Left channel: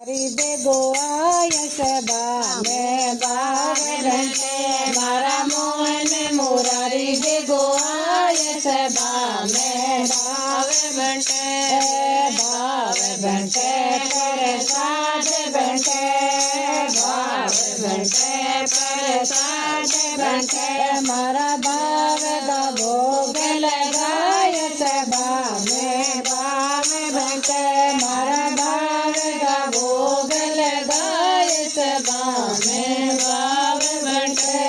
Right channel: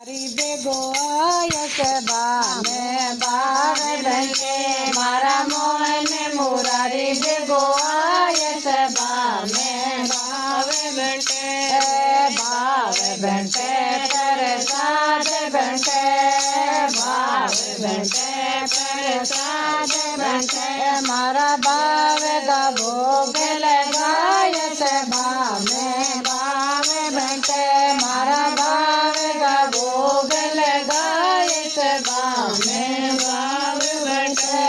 हरिदे गोआय सबा में बार घंटे मारा मोहन मुरारी दे गोआय सबा में बावे घंटे प्रसाद घंटे बावे घंटे प्रसाद घंटे मारा बावे दा भोग लगाय सबा में बावे घंटे मारा बावे दा भोग लगाय सबा में बावे घंटे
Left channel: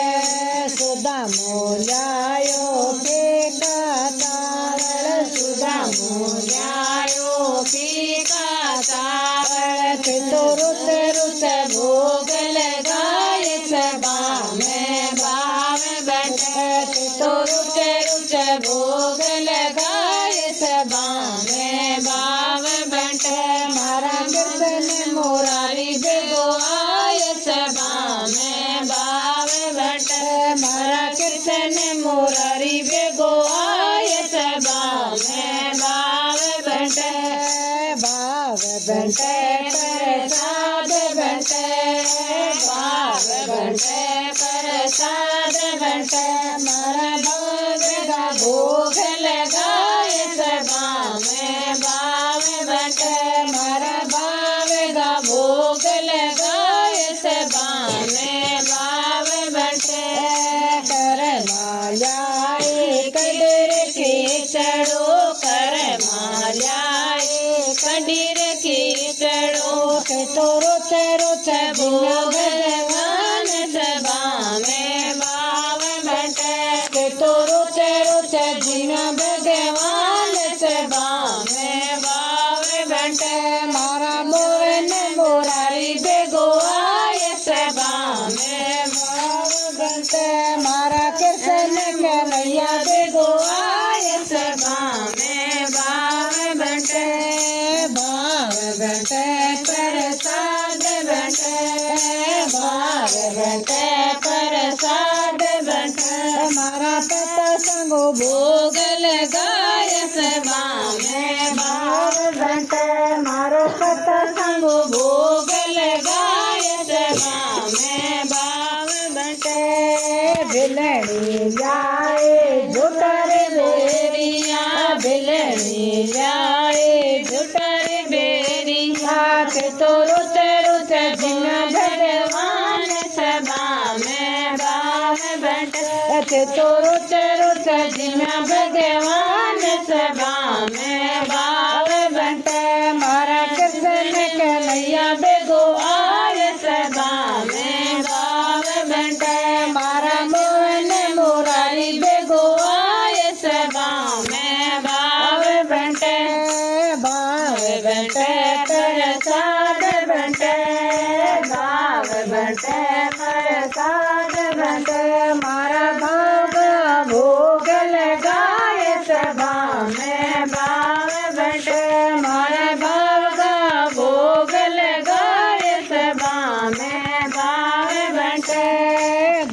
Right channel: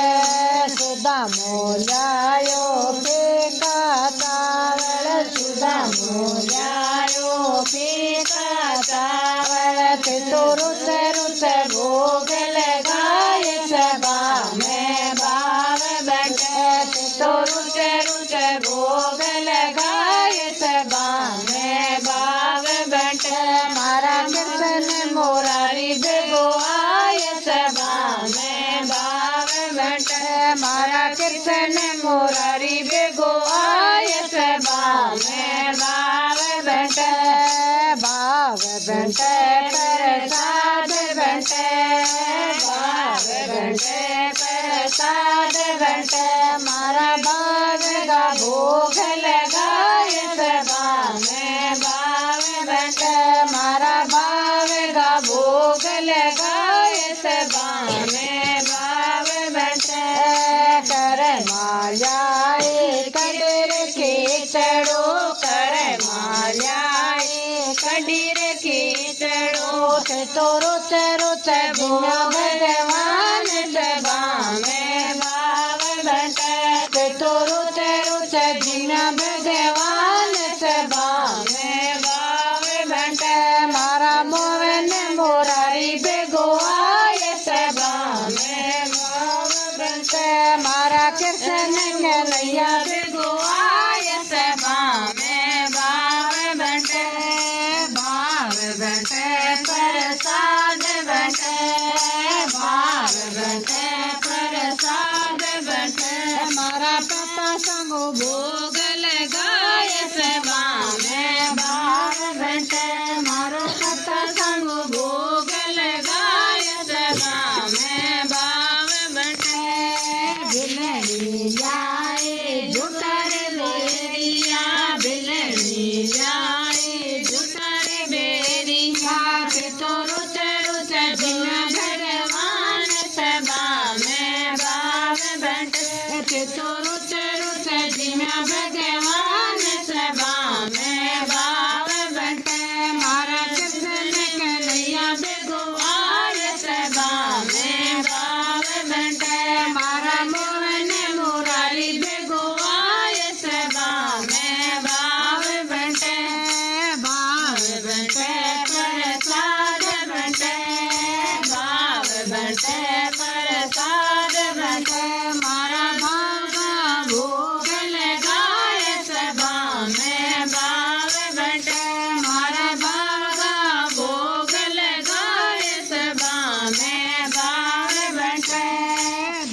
सुधा मोलायो पीका चावल सुधा मोलायो पीका चावल तो रुच भोग लगाय सबा में बावे घंटे तो रुच भोग लगाय सबा में बावे घंटे मारा कृष्ण मुरारी बेगोआय सबा में बावे घंटे मारा कृष्ण मुरारी बेगोआय सबा में बावे घंटे प्रसाद घंटे बावे घंटे प्रसाद घंटे मारा बावे भोग लगाय सबा में बावे घंटे मारा बावे भोग लगाय सबा में बावे घंटे कर माल्याए कदर के चढ़ो कर माल्याए कदर के चढ़ो तो रोच भोग लगान सबा में बावे घंटे तो रोच जिन भगवान सबा में बावे घंटे मारा मोहन मुरारी बेगोआय सबा में बावे घंटे मारा कृष्ण कन्हैया बेगोआय सबा में बावे घंटे प्रसाद घंटे बावे घंटे प्रसाद घंटे मारा पता संगो भोग लगाय सबा में बावे घंटे मारो पता संगो भोग लगाय सबा में बावे घंटे बिलड़ी जाए झुटर बेरिया बिलड़ी जाए झुटर बेरिया तो रुच जिन भगवान सबा में बावे घंटे तो रुच जिन भगवान सबा में बावे घंटे मारा कृष्ण कन्हैया बेगोआय सबा में बावे घंटे मारा मोहन मुरारी बेगोआय सबा में बावे घंटे प्रसाद घंटे बावे घंटे प्रसाद घंटे मारा बाबा भोग लगाय सबा में बावे घंटे मारा बाबा भोग लगाय सबा में बावे घंटे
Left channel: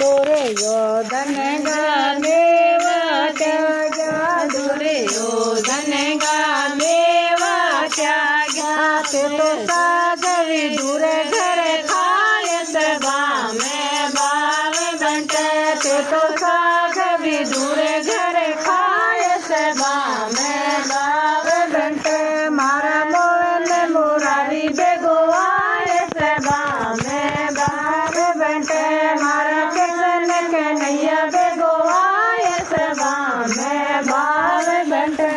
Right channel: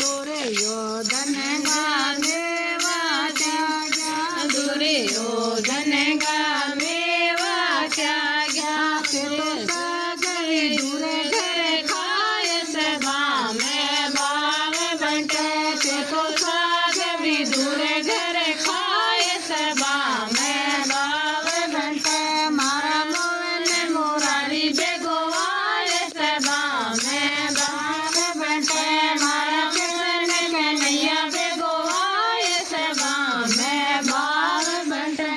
दुर्योधन गामेवा त्यागा दुर्योधन गामेवा त्यागा तो सागरी दूर घर खाय सबा में बावे घंटे तो सागरी दूर घर खाय सबा में बावे घंटे मारा मोहन मुरारी बेगोआय सबा में बावे घंटे मारा कृष्ण कन्हैया बेगोआय सबा में बावे घंटे।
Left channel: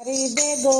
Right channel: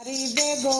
हरिदे गो